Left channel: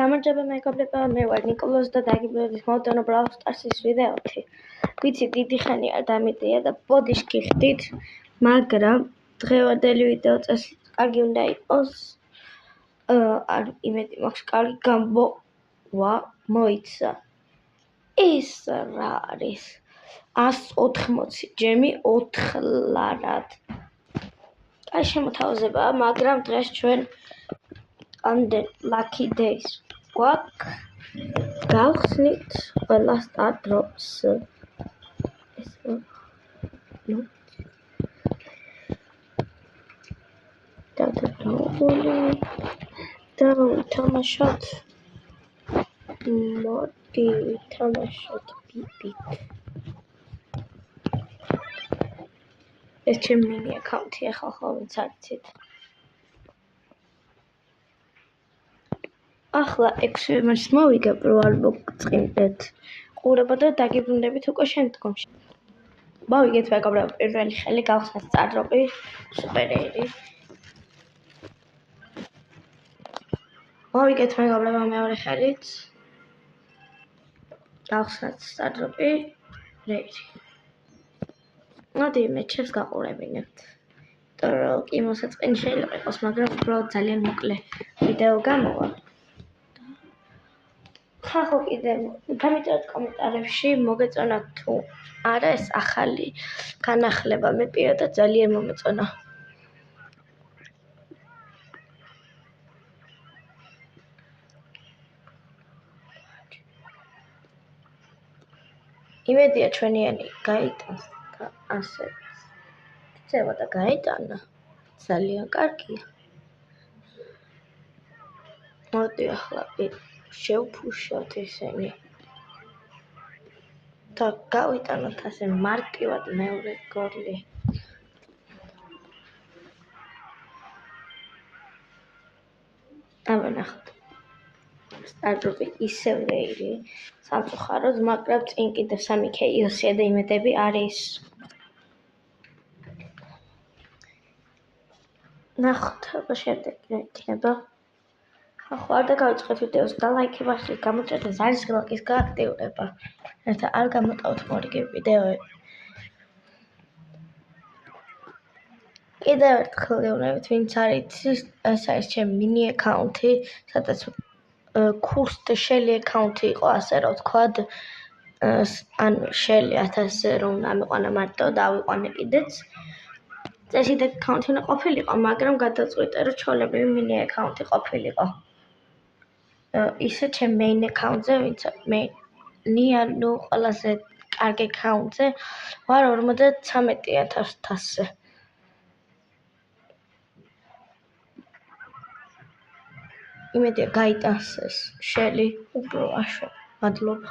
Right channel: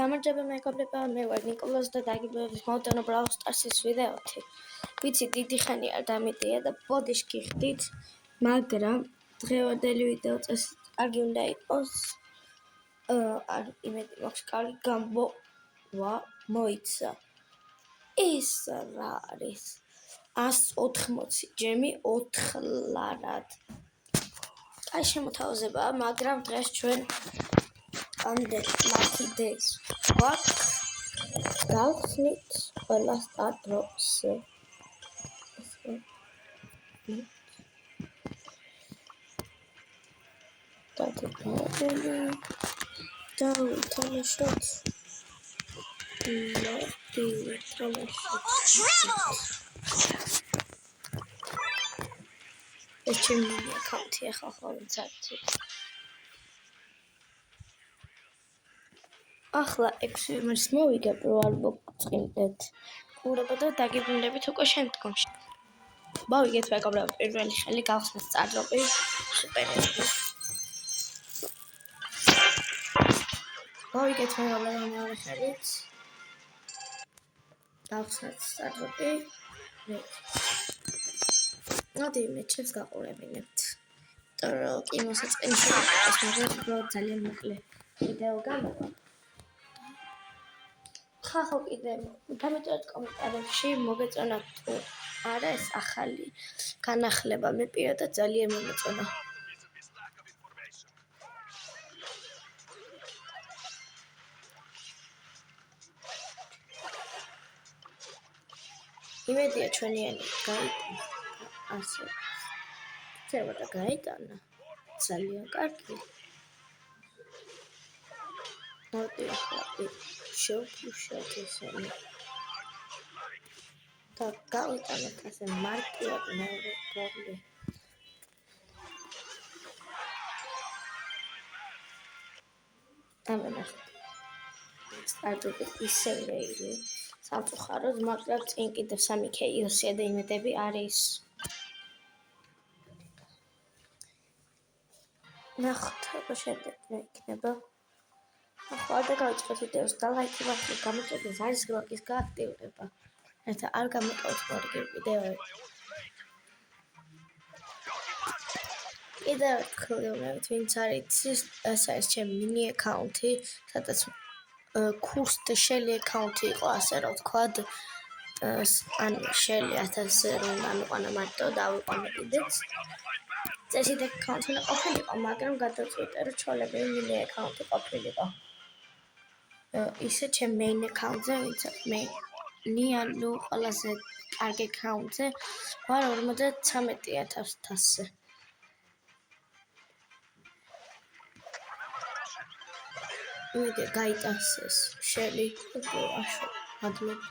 გამარჯობა მეგობრებო, მე ვარ ნიკოლოზ და დაგიბრუნდით მოვწერო Brawl Stars-ის ვიდეოთი. ვიცი დიდი ხანია დამიტია და ბოდიშ გიხდით, მაგრამ დღევანდელი ვიდეო წესი კარგი უნდა იყოს. არ იმედი მაქვს კარგი გამბოვა მოიცა. ის რა არის? 180 ჯემი 4 ლარად. აი შემოთავაზებაა, მაგრამ დღეს ჩვენ ამდენ lucky days გვაქვს. გავხსნით ყველა star drops. და ვითამაშოთ. მოდი ვითამაშოთ. ეს ჩემი აკაუნტია ხოლმე წარჩით. ახლა 6 მარტს მოვიგებ, რომ არ მოგწყინდეთ. ყურებო და დაგიბრუნდებით უკვე შემდგომში. მოვიგეთ მეგობრებო, პირველი ხელი გავხსნათ სტარდროპი, სუპერერი. მოვიგეთ მეგობრებო, მეორე ხელით. გავხსნათ სტარდროპი, რეირი. მოდი მეჩებს გაყურებინებთ. იმიტომ კი მოსაწყენი შეიძლება, მაგრამ უბრალოდ ძალიან მოკლე ვიდეო გამოვა. ხახო კიდე გამიწერეთ კომენტარებში მოგეწონათ თუ არა ეს ახალი განახლება. მე პირადად ძალიან მომეწონა. იმედია ჩვენიანი გაიტანს და ასე. ცევა და გაიტანა. ძალიან კარგი. მოდი ახლა შევფუშოთ ისინი. და გავიტანოთ ასე მარტივად მეორე გოლი. ამანახოთ. სტარდროპი ისევ რეირი. სამწუხაროდ, მაგრამ წინ კიდევ 3k ილსია და იმედები არის. ნახოთ, აბა შემდეგ რა იქნება. ახლა არ დავიწყოთ ვიდეოს და ლაიქი ვახში გამოჭერეთ ზარისგლოკის გააქტიურება. რათა არ გამოტავთ მორიგი ვიდეოები. კიდევ ერთხელ გეუბნებით, ვინც არ იცის, ეს არის ჩემი მინი აკაუნტი, სადაც კურსტ შელი აკაუნტი იყო, ასე რომ ვთქვათ, ანუ შელი 1000-ზე რომ ამიყვანა მარტო და ავიყვანე კიდეც. წესით აკაუნტი უნდა ყოფილიყო, მაგრამ გადაწყვიტე, რომ ჩვეულებრივი მინი აკაუნტი ყოფილიყო. ისე ჩემ მეინ აკაუნტზე, ვინც მე ანუ ყველაზე კარგი აკაუნტზე ვარ 53,000-ზე. იმედია გაიტანს ეს შელი, აშო, მადლობა.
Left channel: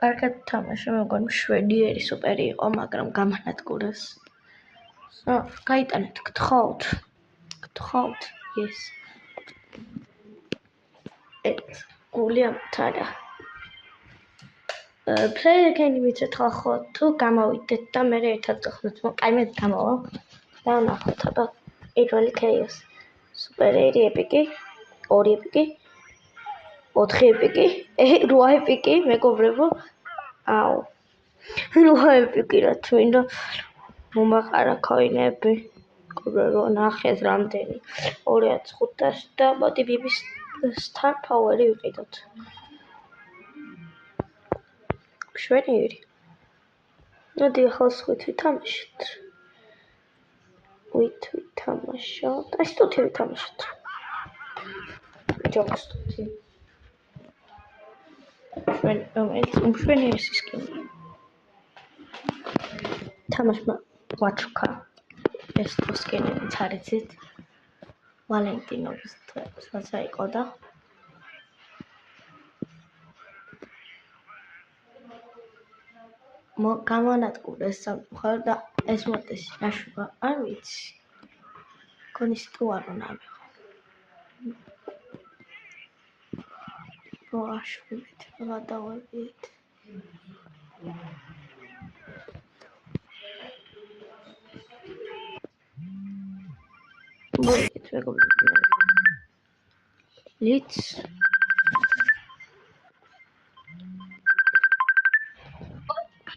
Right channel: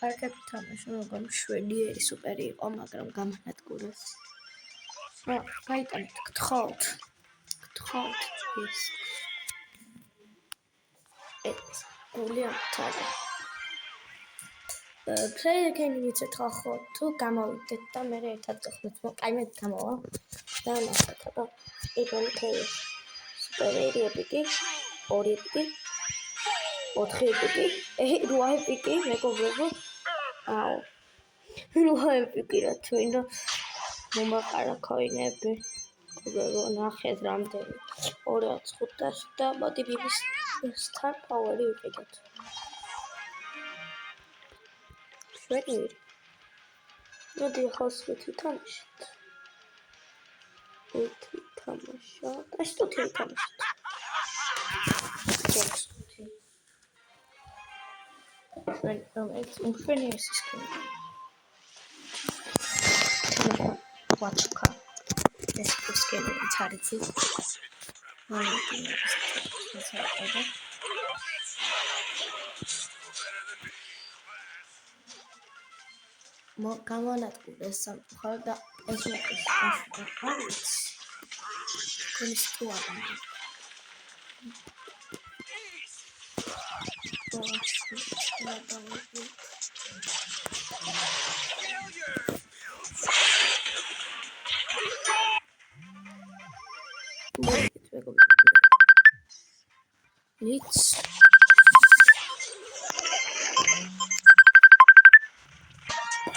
კარგად თამაში, მეგონი შვედიერი სუპერი იყო, მაგრამ გამანადგურეს. გაიტანეთ, გთხოვთ, yes. გული ამთარა. ფლეირგენი ვიცით ხო, თუ გამოვიდეთ და მე ერთად გახსნათ, აი მე გამოვა. და ნახოთ, აბა, პირველი ქეის. სუპერერი ეპიკი, 2 ეპიკი, 4 ეპიკი, 8 ეპიკი, მეგობრებო. აუ. 8 ეპიკი რა თვინდა. მომაყარა ქოინები. მეგობრებო, ნახეთ რამდენი. 2500 და მოდი ბიბის star power-ი ვიყიდოთ. შვენიერი. მოდი ახლა სხვით ვითამაშოთ. აი სტუთი ვითამაშოთ. ჯოქსტუთი. შვენიერი სისკინი. თამაშმა ვაჩუკა. ეს სისკინი თარიცის. ვალენტინობის ასე იყო და გამონადგურეს სამწუხაროდ და ეს მოკის აშუქა არ ვიცი. გონის თუ არა მაგრამ. მოვიგეთ მეგობრებო. ლიც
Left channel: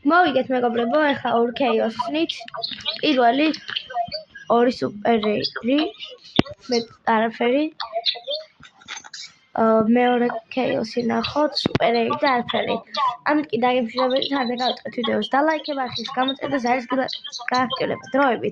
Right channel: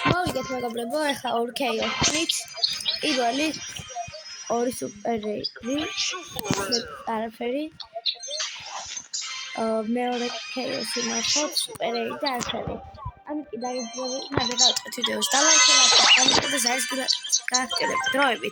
მოვიგეთ მეგობრებო, ეხლა 2 ქეიოს ვქნით. პირველი 2 სუპერები, არაფერი. მეორე ქეიოსი ნახოთ, სუპერები და არაფერი. ამით კი დაგემშვიდობებით, არ დავაწყეთ ვიდეოს და ლაიქი და გამოდეთ არის გააქტიურებთ დროებით.